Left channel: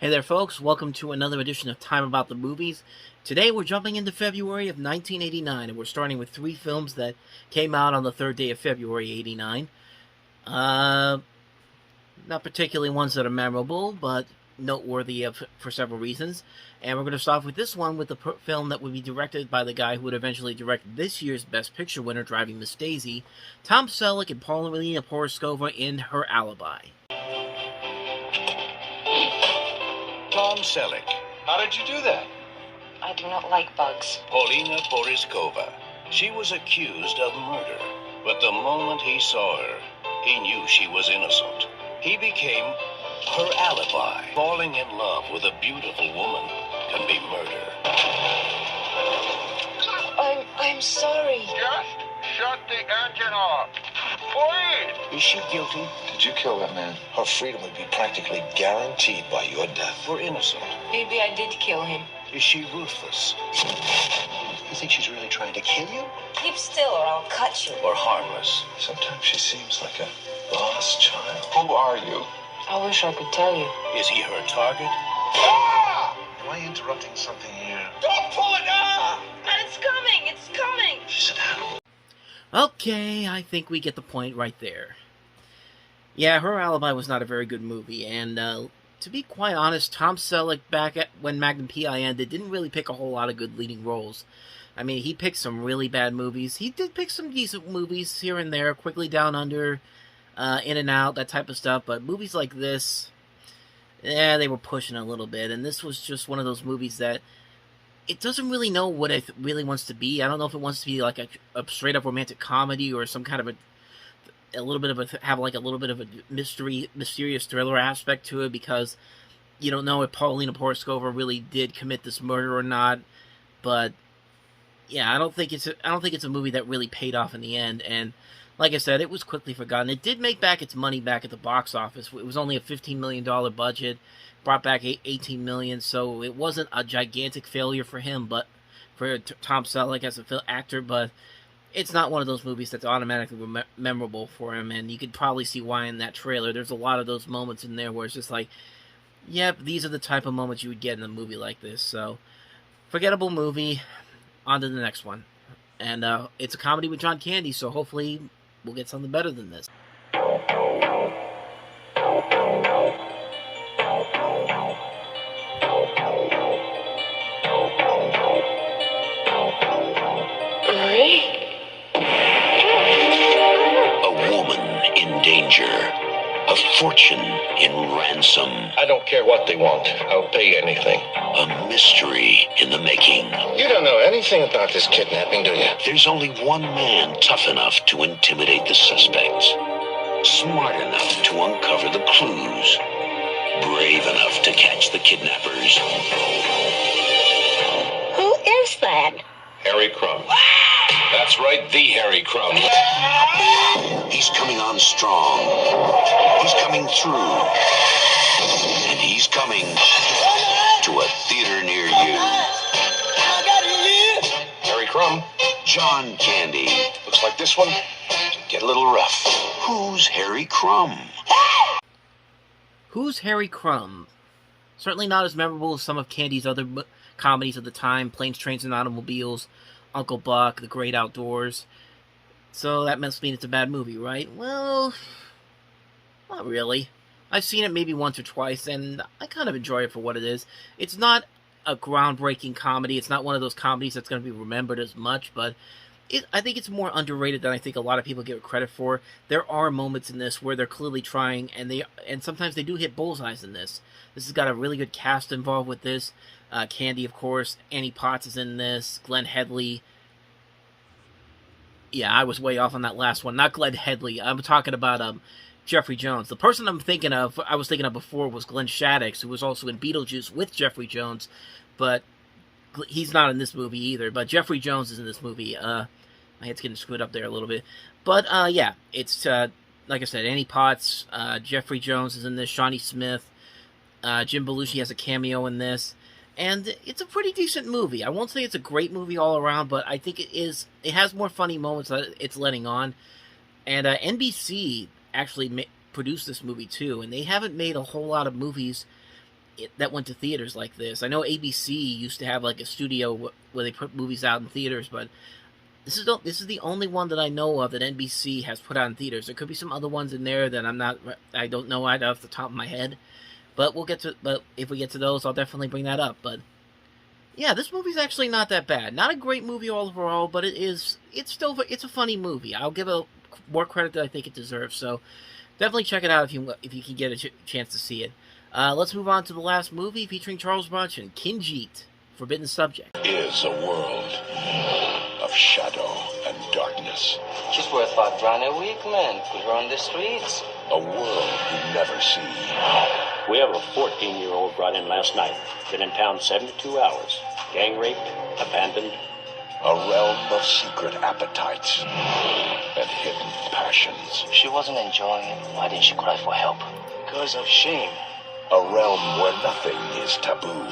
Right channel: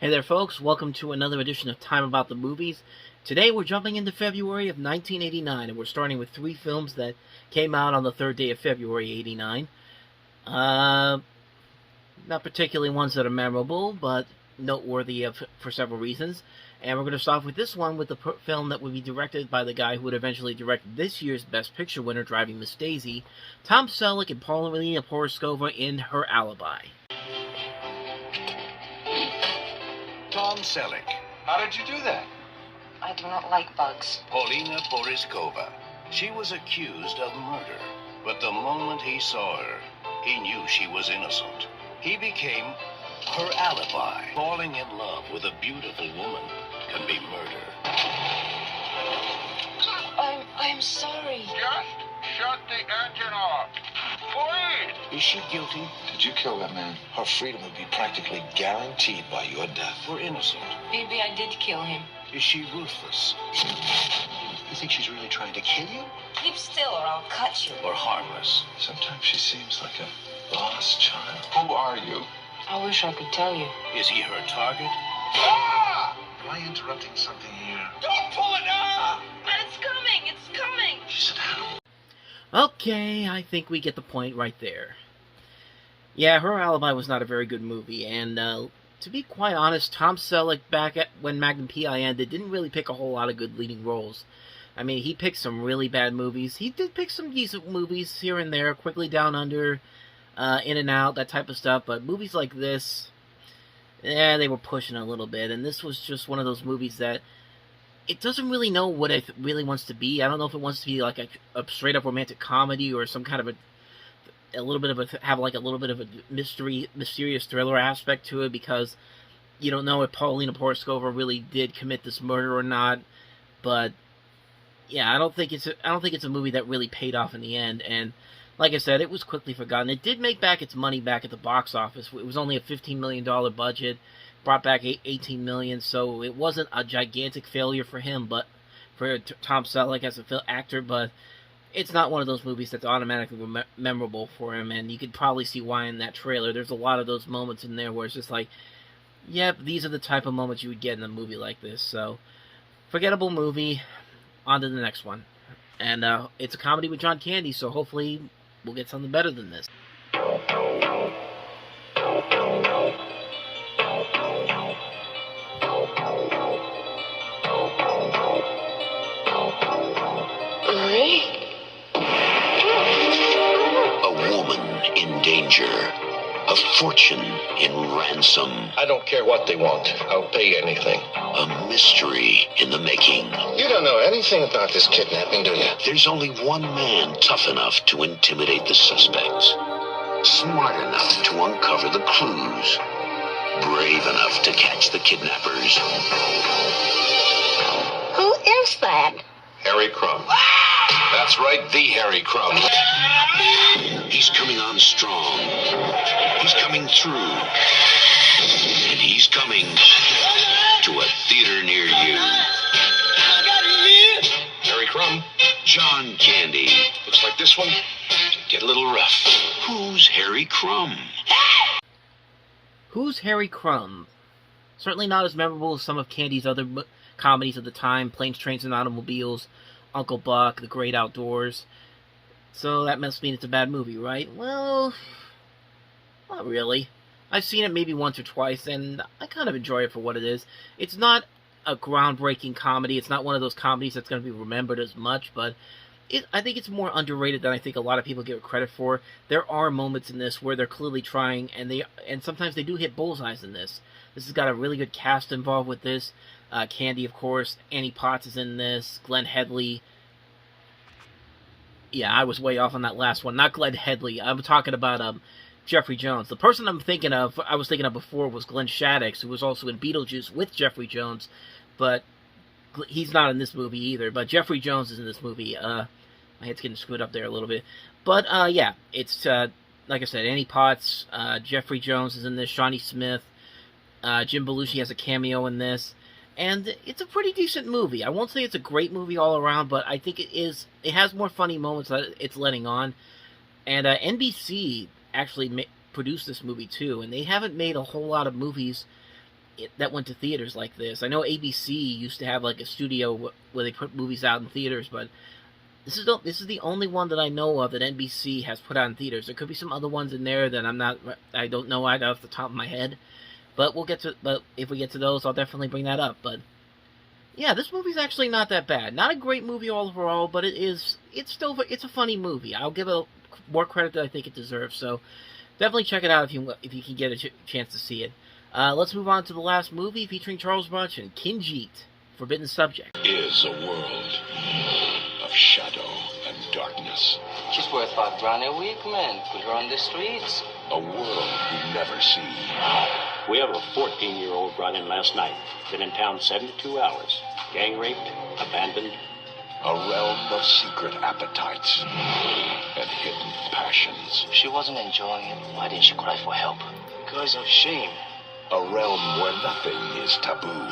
Hey there folks, welcome to another edition of Time About the Movies. Today we're jumping into February of 1989, and we're starting with three films that came out on the third day of February 89. Not particularly ones that are memorable, but noteworthy for several reasons. And we're going to start off with this one, with the film that would be directed by the guy who would eventually direct this year's Best Picture winner, Driving Miss Daisy, Tom Selleck and Paulina Porizkova in Her Alibi. Tom Selleck. How did you do that? I do not like bugs. Paulina Porizkova. She was accused of murder, but the moment he saw her, he knew she was innocent. He became her alibi. Falling in love with a beautiful woman can be murder. I'm sorry. Just shut the engine off. Please. Is she guilty? Did you kill that man? Her freedom would be practically guaranteed by your death. Or innocent? Maybe I did kill him. Is she ruthless? You think she's really trying to kill you? Keep still or I'll cut you. Or harmless? Sometimes she seems like a lost child. Who are you? I wish I could tell you. Is he her target? Ah! Am I interrupting something here? Don't pull it down! It's coming! It's coming! She's an animal. Okay, I think we get the point right there. Yeah, Her Alibi was not a very good movie, and to be quite honest, Tom Selleck, back at when Magnum P.I. ended, didn't really pick a whole lot of good leading roles. I mean, he picked some really bad movies. He did pick some decent movies here and there, Quickly Down Under, In and Out, that type of stuff, but movies like this, they were pushing a little bit, and this was just one of those movies that it doesn't really know what it really wants to be. I don't know if it wants to be like a straight-up romantic comedy or some kind of a little bit of a mysterious thriller aspect to it, because you don't know if Paulina Porizkova really did commit this murder or not. But yeah, I don't think it's a movie that really paid off in the end. And like I said, it was quickly forgotten. It did make back its money back at the box office. It was only a $15 million budget, brought back $18 million, so it wasn't a gigantic failure for him, but for Tom Selleck as an actor. But it's not one of those movies that's automatically memorable for him, and you could probably see why in that trailer. There's a lot of those moments in there where it's just like, yep, these are the type of moments you would get in a movie like this. So, forgettable movie. On to the next one. And it's a comedy with John Candy, so hopefully we'll get something better than this. A woman in danger. A fortune in ransom. I don't care what they want. I'll pay anything. A mystery in the making. You don't know anything about this kidnapping, do you? There's only one man tough enough to intimidate the suspect. Smart enough to uncover the clues. Brave enough to catch the kidnappers. Who is that? Harry Crumb. That's right, the Harry Crumb. He's coming on strong. He's coming through. And he's coming to a theater near you. Harry Crumb. John Candy. Looks like this one get a little rough. Who's Harry Crumb? Who's Harry Crumb? Certainly not as memorable as some of Candy's other comedies of the time, Planes, Trains, and Automobiles, Uncle Buck, The Great Outdoors. So that must mean it's a bad movie, right? Well, not really. I've seen it maybe once or twice, and I kind of enjoy it for what it is. It's not a groundbreaking comedy. It's not one of those comedies that's going to be remembered as much, but I think it's more underrated than I think a lot of people give it credit for. There are moments in this where they're clearly trying, and sometimes they do hit bullseyes in this. This has got a really good cast involved with this. Candy, of course. Annie Potts is in this. Glenn Headley. Yeah, I was way off on that last one. Not Glenn Headley. I'm talking about Jeffrey Jones. The person I was thinking of before was Glenn Shaddix, who was also in Beetlejuice with Jeffrey Jones, but he's not in this movie either. But Jeffrey Jones is in this movie. My head's getting screwed up there a little bit. But, yeah, it's, like I said, Annie Potts, Jeffrey Jones is in this, Shawnee Smith, Jim Belushi has a cameo in this. And it's a pretty decent movie. I won't say it's a great movie all around, but I think it has more funny moments that it's letting on. And NBC actually produced this movie too, and they haven't made a whole lot of movies that went to theaters like this. I know ABC used to have like a studio where they put movies out in theaters, but this is the only one that I know of that NBC has put out in theaters. There could be some other ones in there that I don't know right off the top of my head. But if we get to those, I'll definitely bring that up. But yeah, this movie's actually not that bad. Not a great movie overall, but it's a funny movie. I'll give it more credit than I think it deserves. So definitely check it out if you can get a chance to see it. Let's move on to the last movie featuring Charles Bronson, Kinjite, Forbidden Subject. Is a world of shadow and darkness. Just worth our brand new week, man. Put her on the streets. A world you never see. We have a 14-year-old brought in last night. Been in town 72 hours. Gang raped, abandoned. A realm of secret appetites and hidden passions. She wasn't enjoying. Why didn't she cry for help? Because of shame. A realm where nothing is taboo.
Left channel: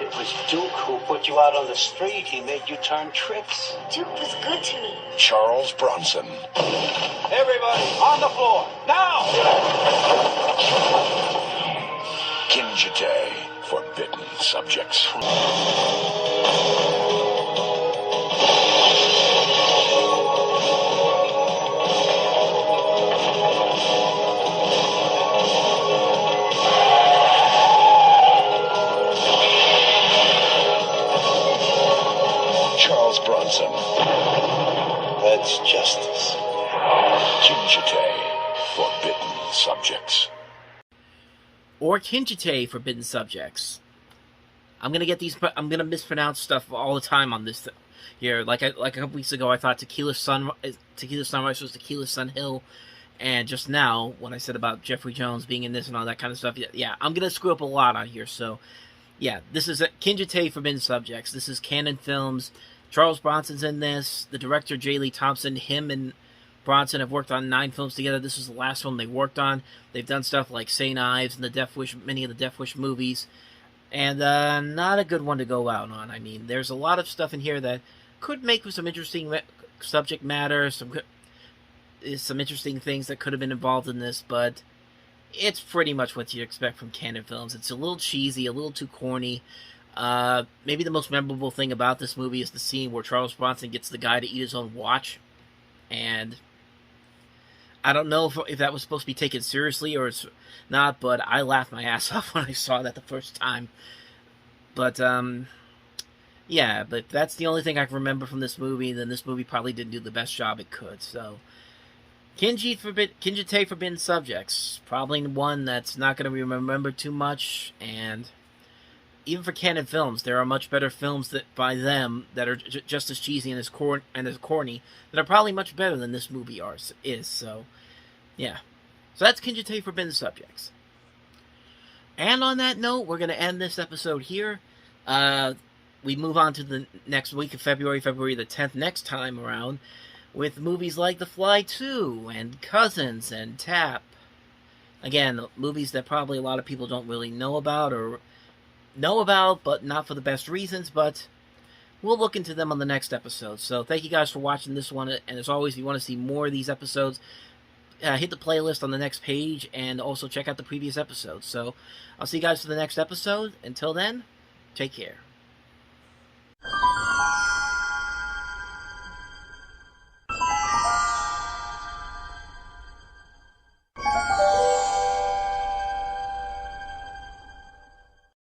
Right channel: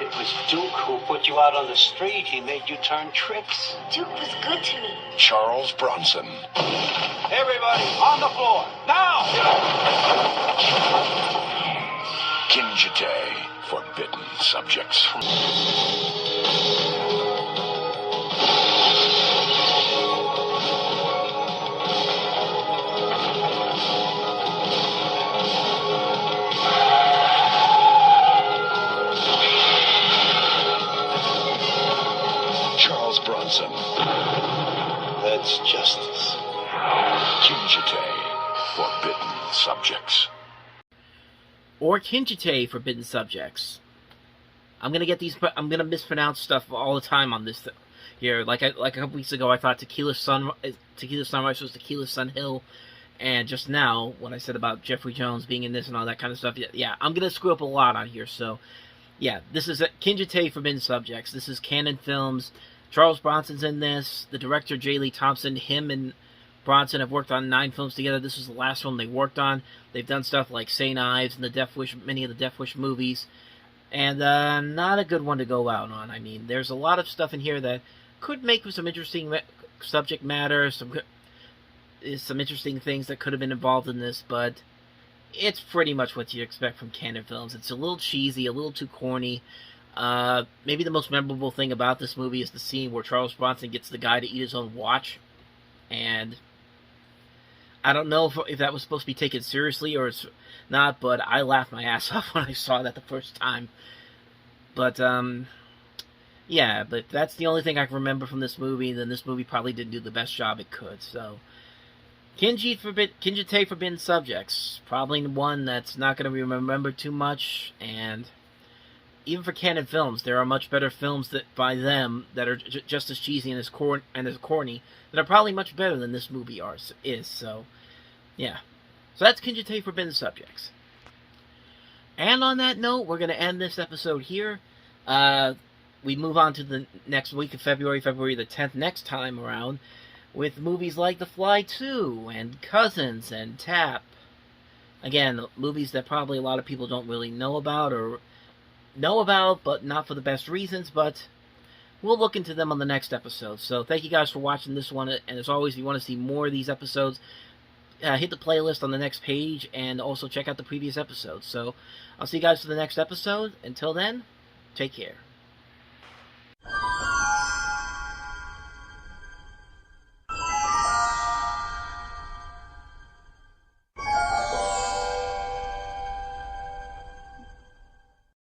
It was Duke who put you out on the street. He made you turn tricks. Duke was good to me. Charles Bronson. Everybody, on the floor, now! Kinjite, Forbidden Subjects. Charles Bronson. That's justice. Kinjite, Forbidden Subjects. Or Kinjite, Forbidden Subjects. I'm gonna mispronounce stuff all the time on this here. Like a couple weeks ago, I thought Tequila Sunrise was Tequila Sun Hill, and just now when I said about Jeffrey Jones being in this and all that kind of stuff, yeah, I'm gonna screw up a lot on here. So, yeah, this is Kinjite, Forbidden Subjects. This is Canon Films. Charles Bronson's in this. The director, J. Lee Thompson, him and Bronson have worked on 9 films together. This is the last film they worked on. They've done stuff like St. Ives and many of the Death Wish movies. And not a good one to go out on. I mean, there's a lot of stuff in here that could make for some interesting subject matter, some interesting things that could have been involved in this, but it's pretty much what you expect from Canon Films. It's a little cheesy, a little too corny. Maybe the most memorable thing about this movie is the scene where Charles Bronson gets the guy to eat his own watch. And I don't know if that was supposed to be taken seriously or it's not, but I laughed my ass off when I saw that the first time. But, yeah, but that's the only thing I can remember from this movie, then this movie probably didn't do the best job it could, so... Kinjite, Forbidden Subjects. Probably one that's not going to be remembered too much, and... even for Canon Films, there are much better films by them that are just as cheesy and as corny that are probably much better than this movie is. So, yeah. So that's Kinjite, Forbidden Subjects. And on that note, we're going to end this episode here. We move on to the next week of February the 10th, next time around, with movies like The Fly 2 and Cousins and Tap. Again, movies that probably a lot of people don't really know about, but not for the best reasons, but we'll look into them on the next episode. So thank you guys for watching this one, and as always, if you want to see more of these episodes, hit the playlist on the next page, and also check out the previous episodes. So I'll see you guys for the next episode. Until then, take care.